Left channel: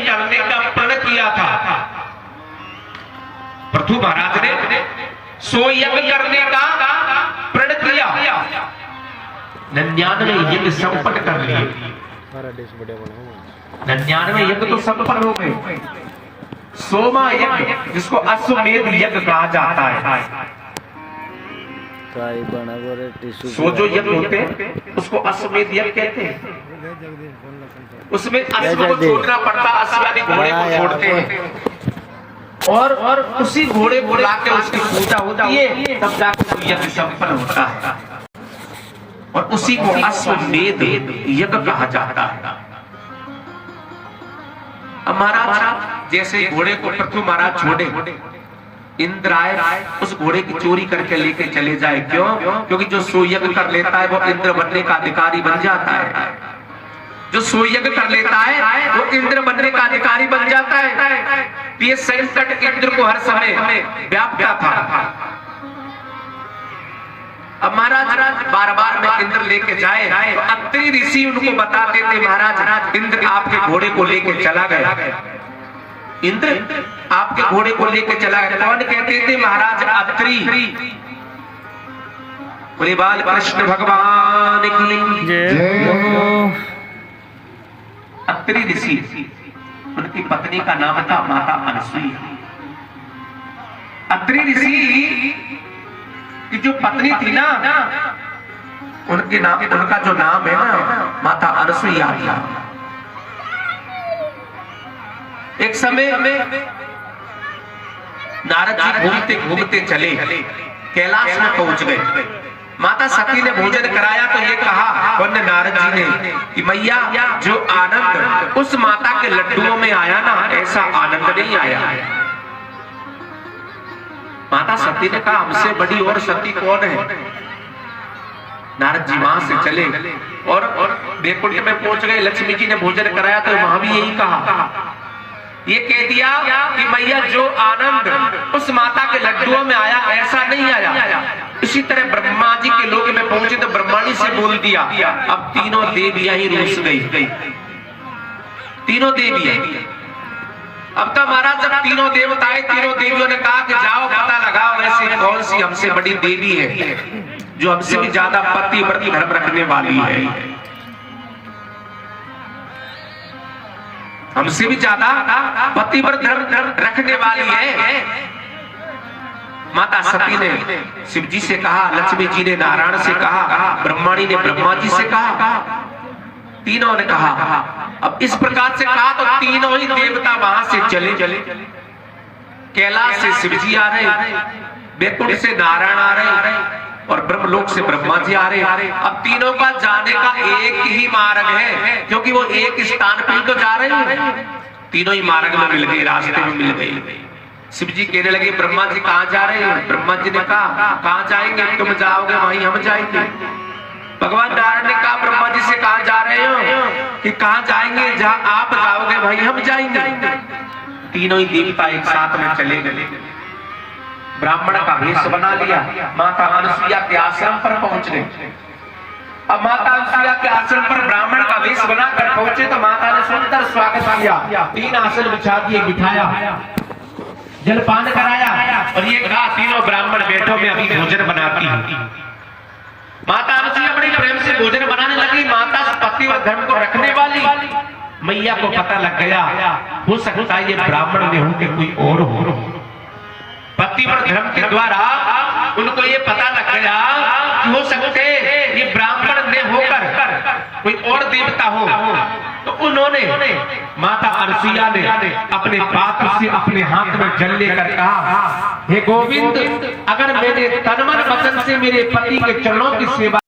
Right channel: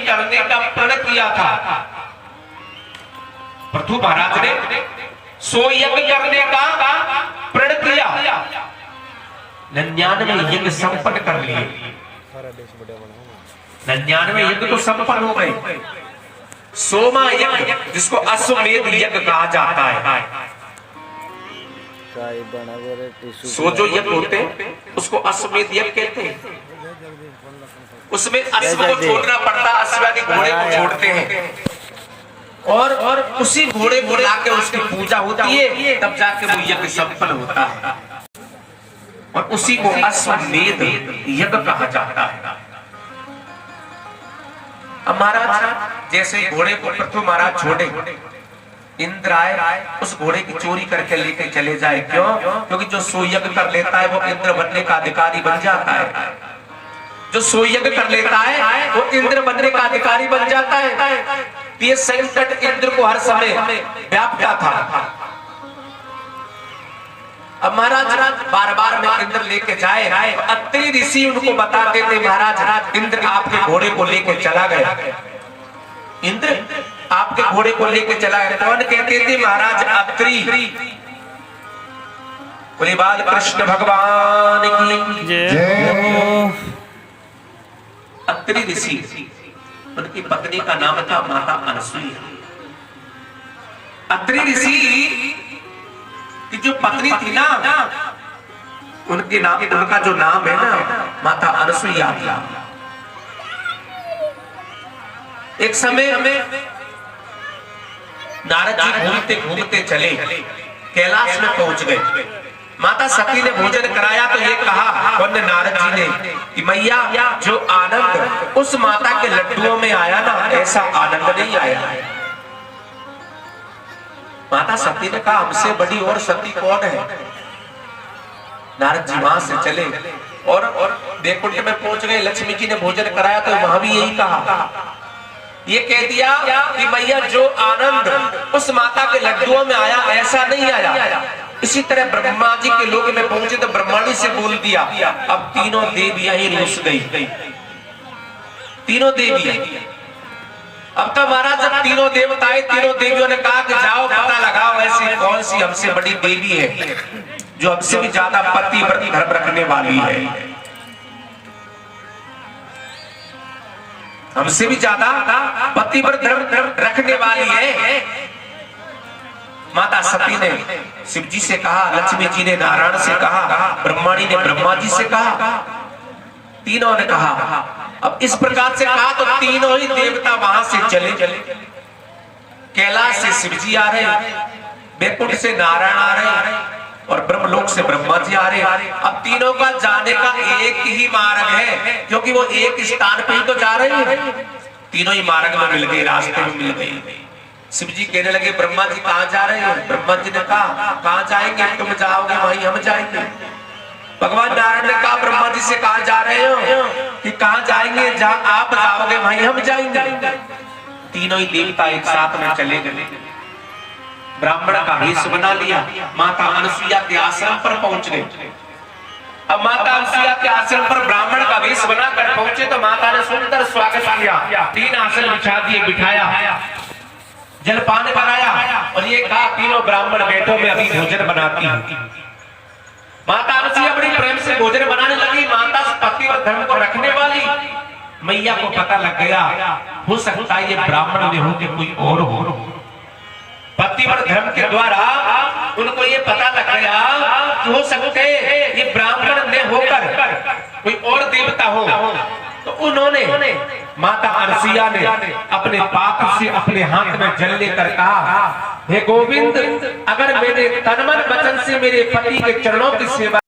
करने का प्रण किया था। पृथु महाराज ने सो यज्ञ करने का प्रण किया, 99 यज्ञ संपन्न कर लिए। 99 यज्ञ तो संपन्न हो गए। 100वां यज्ञ जिसको अश्वमेध यज्ञ कहा जाता है, सो जो यज्ञ होते हैं उसको अश्वमेध यज्ञ कहते हैं। उसमें अश्व को छोड़ना पड़ता, अश्वादी घोड़े को छोड़ते हैं और उसी घोड़े को लाकर उसकी पूजा होती है, तब जाकर वो यज्ञ संपन्न होता है और उसी को अश्वमेध यज्ञ कहा जाता है। अब महाराज जैसे घोड़े को पृथु महाराज छोड़े, इंद्र आए उस घोड़े की चोरी करके लेके चले जाए। क्यों? क्योंकि जो सो यज्ञ कर लेता है वो इंद्र बनने का अधिकारी बन जाता है। जो सो यज्ञ कर लेता है वो इंद्र बनने का अधिकारी बन जाता है। ये संकट इंद्र को हर समय व्याप्त था। अब महाराज बार बार में इंद्र लेके जाए, अत्रि ऋषि उनको बताते थे महाराज इंद्र आपके घोड़े को लेके चला गया, इंद्र आपके घोड़े को लेके चला गया। कौन कहते थे? महाराज अत्रि। बोले बाल कृष्ण भगवान की जय। अत्रि ऋषि, उनकी पत्नी का नाम था माता अनसुईया। अत्रि ऋषि की जो पत्नी थी ना, उनके नाम, उनका जो नाम है ना माता अनसुईया। एक समय नारद जी घूमते घूमते चले, कैलाश में पहुंच गए। माता सती ने भोजन कराया तो ये कहा उन्होंने नारद जी ने कि मैया जो आनंद उस माता के लड्डुओं में आया ना, ऐसा आनंद नहीं आया। माता सती ने कहा हमसे बड़ी और सती कौन है? नारद जी वहां से चले और वैकुंठ में पहुंच गए। लक्ष्मी जी ने भोजन कराया तो वहां भी यही कहा, ये कह दिया कि मैया जो आनंद उस माता के लड्डुओं में आया ऐसा नहीं आया। इसी तरह ब्रह्मा जी के लोक में पहुंचे तो ब्रह्माणी से बोल दिया। अब तीनों देवियां ही रूस गई, तीनों देवियां। अब तो महाराज जब तीनों देवता आए, तीनों देवियों ने कहा कि जाओ पता लगाओ ऐसी कौन सी हमसे बड़ी देवी है जो हमसे भी ज्यादा पति व्रत धर्म रखने वाली है, हमसे भी ज्यादा पति व्रत धर्म रखने वाली है। माता सती ने शिव जी से कहा, लक्ष्मी जी ने नारायण से कहा, ब्रह्माणी ने ब्रह्मा जी से कहा, तीनों ने कहा। अब इस प्रकार से कहा तो तीनों ही देवता वहां से चले। कैलाश से शिव जी आ रहे, वैकुंठ से नारायण आ रहे और ब्रह्मलोक से ब्रह्मा जी आ रहे। अब तीनों का जाने का एक ही मार्ग है, क्योंकि वो एक स्थान पे ही तो जा रहे हैं। तीनों ही मार्ग में मिल गए, रास्ते में मिल गए। शिव जी कहने लगे ब्रह्मा जी कहाँ जा रहे हैं? ब्रह्मा जी ने कहा कहाँ जाएंगे? तुम जाओगे वहीं हम जाएंगे। भगवान नारायण ने कहा ब्रह्मा जी से कहाँ जा रहे हो? कि कहाँ जाएंगे? जहाँ आप जाओगे वहीं हम जाएंगे। तीनों ही देवता एक साथ में चले गए, ब्राह्मण का वेश बना लिया, माता अनसुईया के आश्रम पर पहुंच गए। अब माता अनसुईया के आश्रम पर ब्राह्मण का वेश बनाकर पहुंचे तो माता ने सुंदर स्वागत किया, 3 आसन बिछा दिए, बिठाया, जलपान कराया और ये कहा तीनों ब्राह्मण बैठो मैं अभी भोजन बनाती हूँ। माता अनसुईया बड़ी प्रेम से भोजन बनाने लगी। माता पति और धर्म को रखने वाली मैया को पता लग गया, हो सकता है ये ब्राह्मण में हो कि कोई और हो। पति और धर्म के द्वारा उनको ये पता लग गया कि हो सकते ये ब्राह्मण में होकर कोई और देवता हो। तो उन्होंने माता अनसुईया ने अपने पात्र से अपने हाथ में जल लेकर कहा, हे गोविंद, अगर मेरे तन मन वचन से मेरे पति के चरणों की सेवा